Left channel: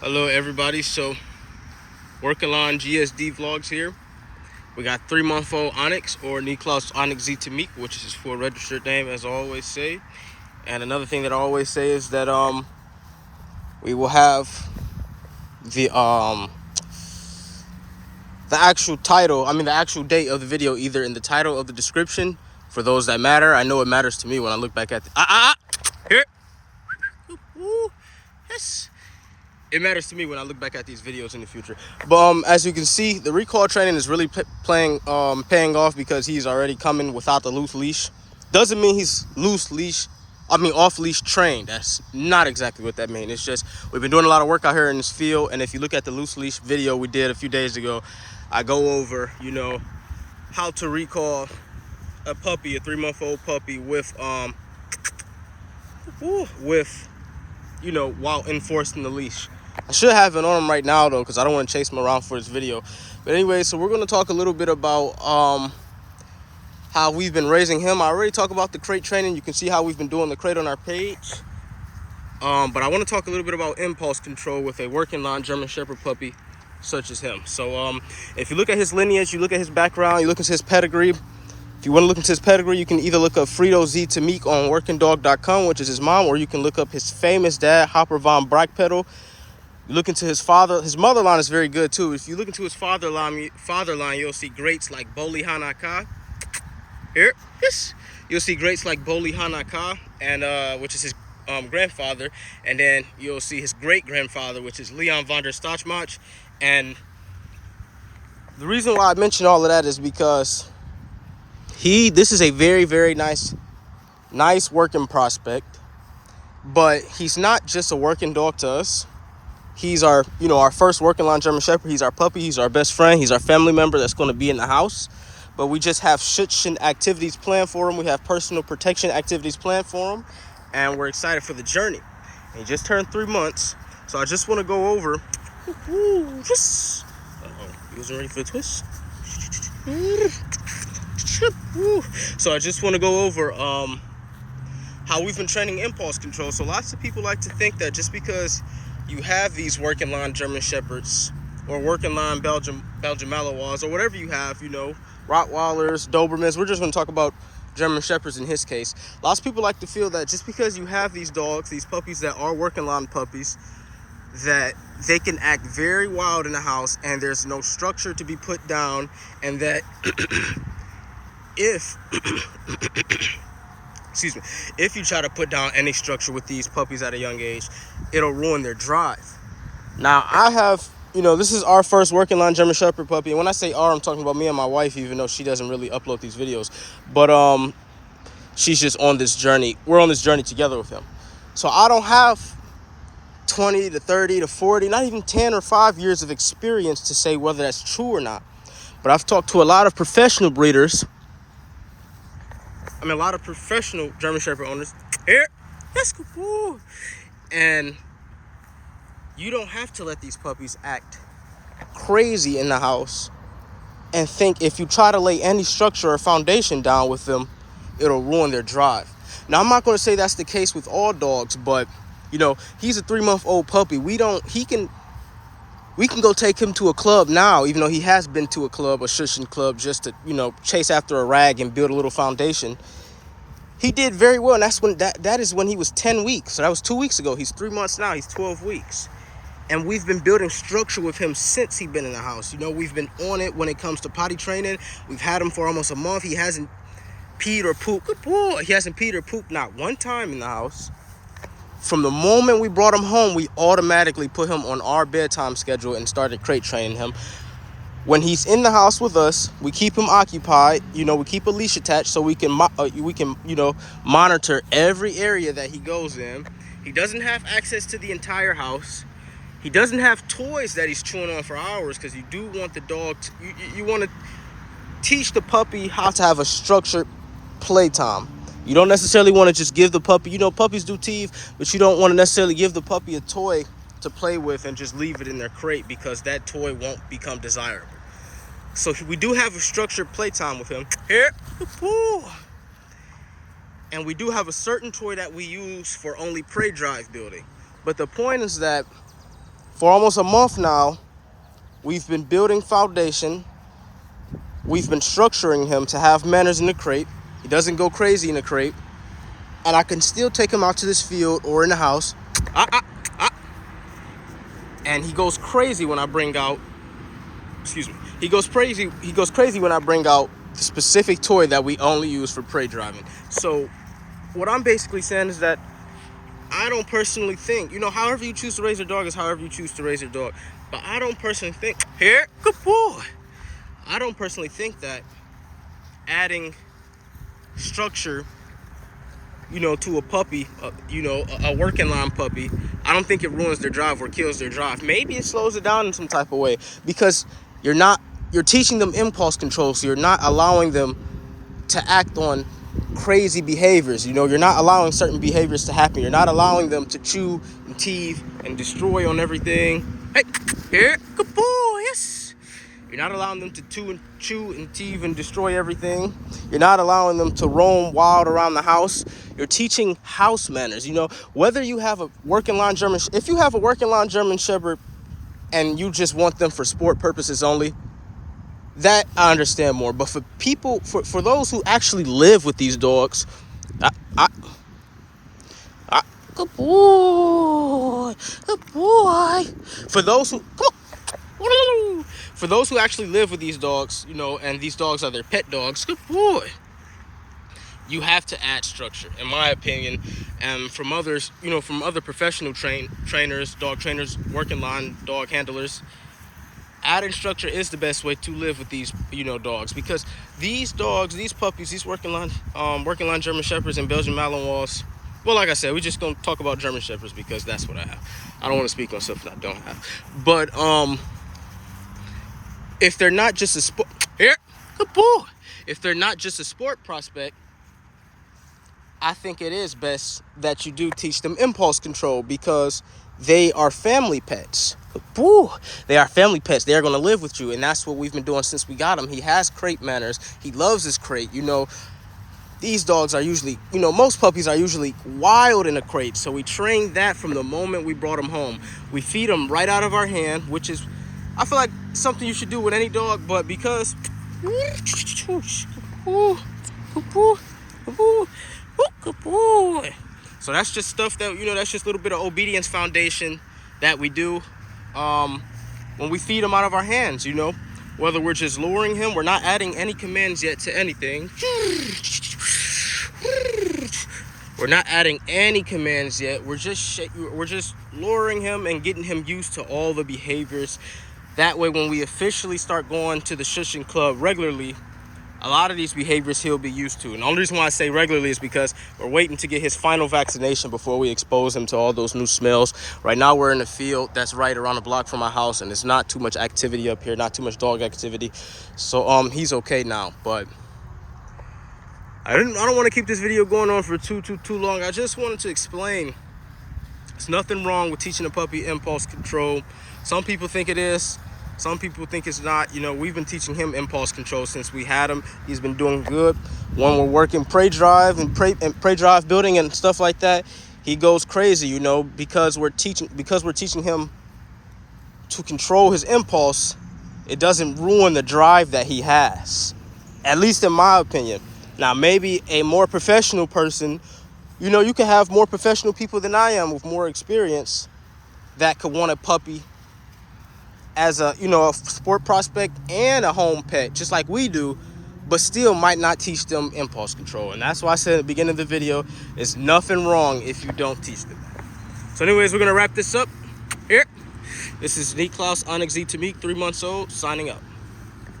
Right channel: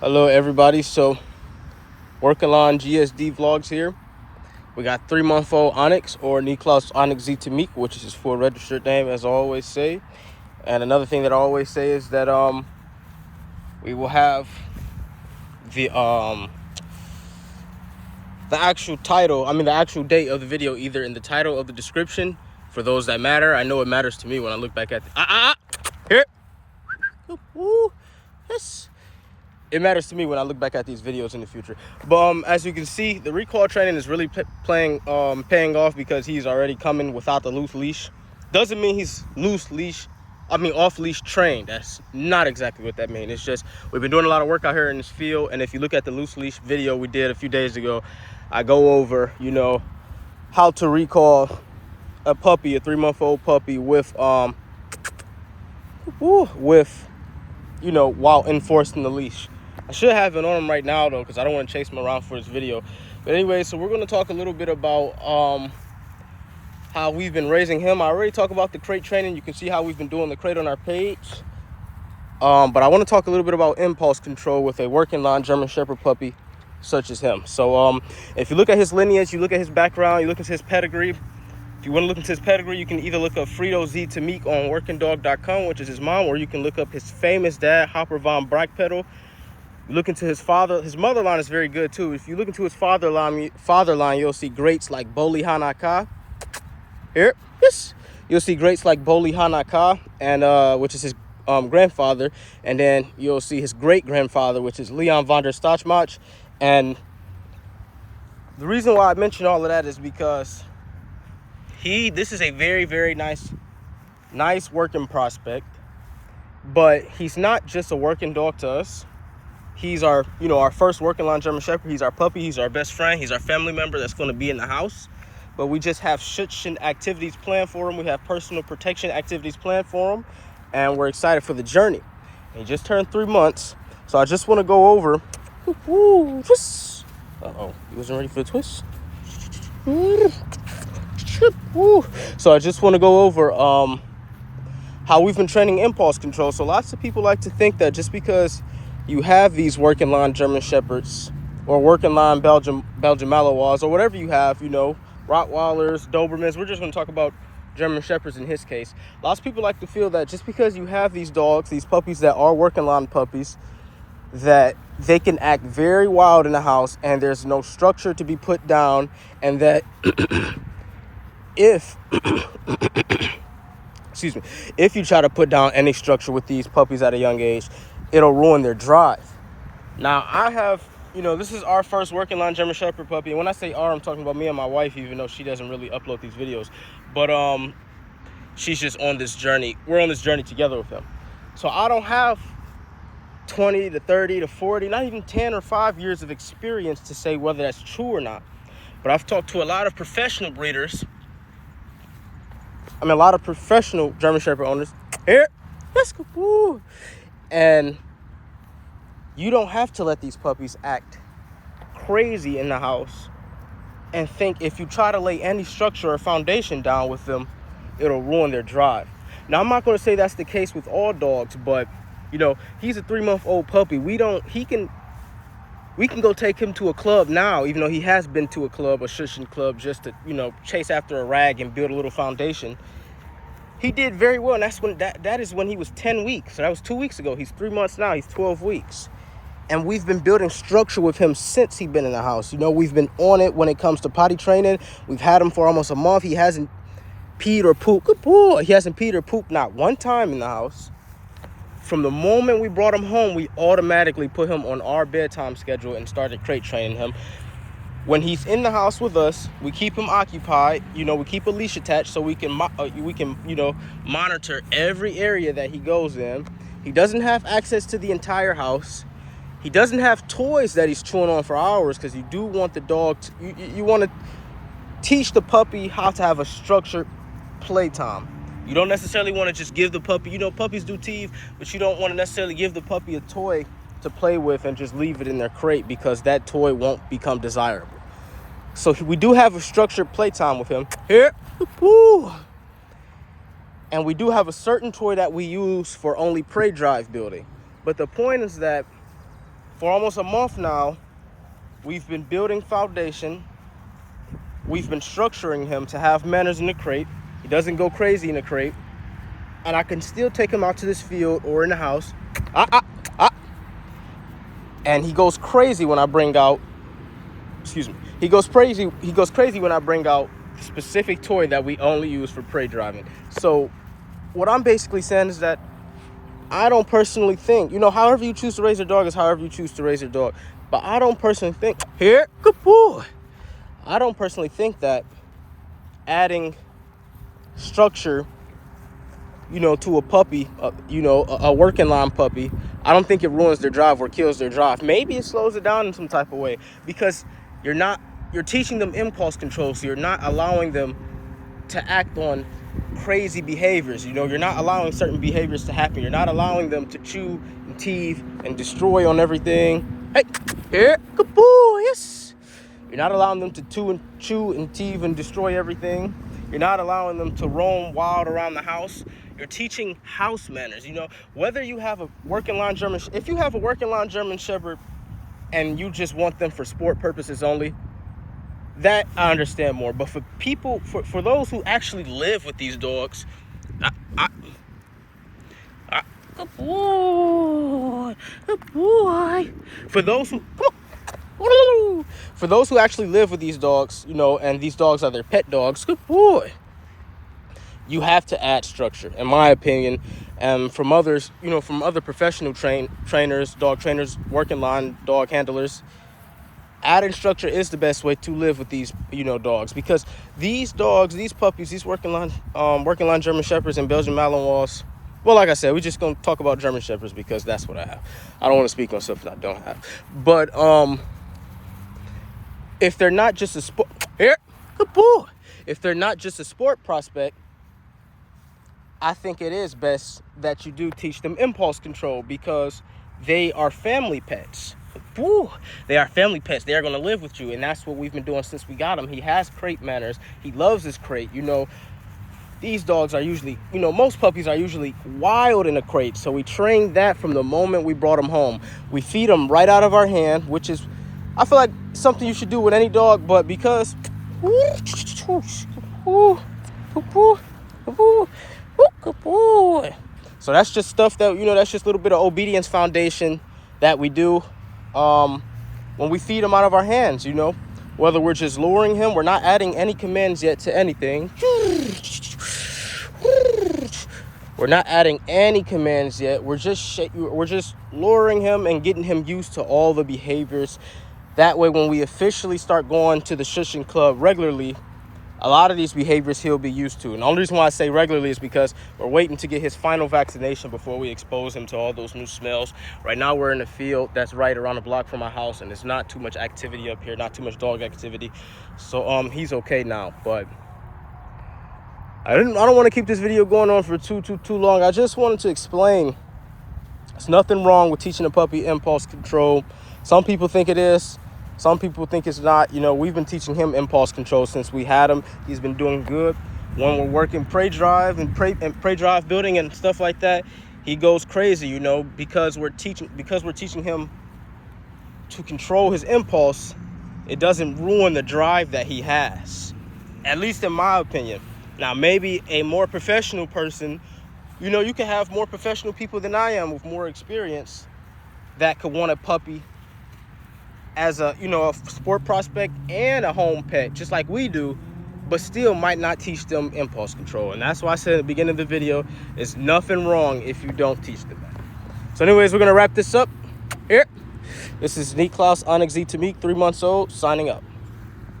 Hello everybody, so working on GSD vlogs here. We got 3-month-old Onyx, or Onyx Z Tammik, which is his full registered name, as I always say. And another thing that I always say is that we will have the actual title, the actual date of the video, either in the title of the description for those that matter. I know it matters to me when I look back at here. Woo. Yes. It matters to me when I look back at these videos in the future. But as you can see, the recall training is really paying off, because he's already coming without the loose leash. Doesn't mean he's off leash trained. That's not exactly what that means. It's just we've been doing a lot of work out here in this field, and if you look at the loose leash video we did a few days ago, I go over, how to recall a puppy, a 3-month-old puppy with while enforcing the leash. I should have it on him right now though, because I don't want to chase him around for this video. But anyway, so we're going to talk a little bit about how we've been raising him. I already talked about the crate training. You can see how we've been doing the crate on our page. But I want to talk a little bit about impulse control with a working line German Shepherd puppy such as him. So if you look at his lineage, you look at his background, you look at his pedigree. If you want to look into his pedigree, you can either look up Frito Z Tammik on workingdog.com, which is his mom, or you can look up his famous dad, Hopper von Brachtpetal. You look into his father. His mother line is very good too. If you look into his father line, you'll see greats like Boli Hanaka. Here, yes, you'll see greats like Boli Hanaka, and which is his grandfather, and then you'll see his great grandfather, which is Leon von der Stachmach. And the reason why I mention all of that is because this is a very, very nice working prospect, but he's not just a working dog to us. He's our first working line German Shepherd. He's our puppy. He's our best friend. He's our family member that's going to be in the house. But we just have schutzchen activities planned for him. We have personal protection activities planned for him, and we're excited for the journey. And he just turned 3 months, so I just want to go over. Twist. He wasn't ready for the twist. So I just want to go over how we've been training impulse control. So lots of people like to think that just because you have these working line German Shepherds or working line Belgian Malinois or whatever you have, Rottweilers, Dobermans. We're just going to talk about German Shepherds in his case. Lots of people like to feel that just because you have these dogs, these puppies that are working line puppies, that they can act very wild in the house and there's no structure to be put down, and that if you try to put down any structure with these puppies at a young age, it'll ruin their drive. Now, I have, this is our first working line German Shepherd puppy. And when I say our, I'm talking about me and my wife, even though she doesn't really upload these videos. But she's just on this journey. We're on this journey together with him. So I don't have 20 to 30 to 40, not even 10 or 5 years of experience to say whether that's true or not. But I've talked to a lot of professional breeders. A lot of professional German Shepherd owners. Here, let's go. And you don't have to let these puppies act crazy in the house and think if you try to lay any structure or foundation down with them, it'll ruin their drive. Now, I'm not going to say that's the case with all dogs, but he's a 3-month-old puppy. We can go take him to a club now, even though he has been to a club, a shushing club, just to, chase after a rag and build a little foundation. He did very well, and that is when he was 10 weeks. So that was 2 weeks ago. He's 3 months now. He's 12 weeks. And we've been building structure with him since he's been in the house. We've been on it when it comes to potty training. We've had him for almost a month. He hasn't peed or pooped. Good boy. He hasn't peed or pooped not one time in the house. From the moment we brought him home, we automatically put him on our bedtime schedule and started crate training him. When he's in the house with us, we keep him occupied. We keep a leash attached so we can monitor every area that he goes in. He doesn't have access to the entire house. He doesn't have toys that he's chewing on for hours, because you do want the dog you want to teach the puppy how to have a structured playtime. You don't necessarily want to just give the puppy, puppies do teeth, but you don't want to necessarily give the puppy a toy to play with and just leave it in their crate, because that toy won't become desirable. So we do have a structured playtime with him. Here. Woo. And we do have a certain toy that we use for only prey drive building. But the point is that For almost a month now, we've been building foundation. We've been structuring him to have manners in the crate. He doesn't go crazy in the crate. And I can still take him out to this field or in the house. And he goes crazy when I bring out, he goes crazy when I bring out the specific toy that we only use for prey driving. So what I'm basically saying is that I don't personally think, however you choose to raise your dog is however you choose to raise your dog. But I don't personally think, good boy. I don't personally think that adding structure, to a puppy, a working line puppy, I don't think it ruins their drive or kills their drive. Maybe it slows it down in some type of way, because you're teaching them impulse control, so you're not allowing them to act on crazy behaviors. You're not allowing certain behaviors to happen. You're not allowing them to chew and teeth and destroy on everything. Hey, here, good boy, yes. You're not allowing them to chew and teeth and destroy everything. You're not allowing them to roam wild around the house. You're teaching house manners. Whether you have a working line German, if you have a working line German Shepherd and you just want them for sport purposes only, that I understand more. But for people, for those who actually live with these dogs, good boy. For those who, for those who actually live with these dogs, and these dogs are their pet dogs, good boy, you have to add structure, in my opinion. And from others, from other professional trainers, dog trainers, working line dog handlers, adding structure is the best way to live with these, dogs, because these dogs, these puppies, these working line German Shepherds and Belgian Malinois. Well, like I said, we're just gonna talk about German Shepherds because that's what I have. I don't want to speak on something I don't have. But if they're not just a sport, good boy. If they're not just a sport prospect, I think it is best that you do teach them impulse control, because they are family pets. Woo, they are family pets. They are going to live with you, and that's what we've been doing since we got him. He has crate manners. He loves his crate. These dogs are usually, most puppies are usually wild in a crate, so we trained that from the moment we brought him home. We feed him right out of our hand, which is, I feel like, something you should do with any dog, but because so that's just stuff that, that's just a little bit of obedience foundation that we do when we feed him out of our hands. Whether we're just luring him, we're not adding any commands yet to anything. We're not adding any commands yet. We're just luring him and getting him used to all the behaviors. That way, when we officially start going to the shushing club regularly, a lot of these behaviors he'll be used to. And the only reason why I say regularly is because we're waiting to get his final vaccination before we expose him to all those new smells. Right now, we're in a field that's right around the block from my house, and there's not too much activity up here, not too much dog activity. So he's okay now. But I don't want to keep this video going on for too long. I just wanted to explain there's nothing wrong with teaching a puppy impulse control. Some people think it is. Some people think it's not. We've been teaching him impulse control since we had him. He's been doing good. When we're working prey drive and prey drive building and stuff like that, he goes crazy, because we're teaching him to control his impulse. It doesn't ruin the drive that he has, at least in my opinion. Now, maybe a more professional person, you can have more professional people than I am with more experience that could want a puppy as a sport prospect and a home pet, just like we do, but still might not teach them impulse control. And that's why I said at the beginning of the video, there's nothing wrong if you don't teach them that. So anyways, we're gonna wrap this up here. This is Onyx Z Tammik, 3 months old, signing up.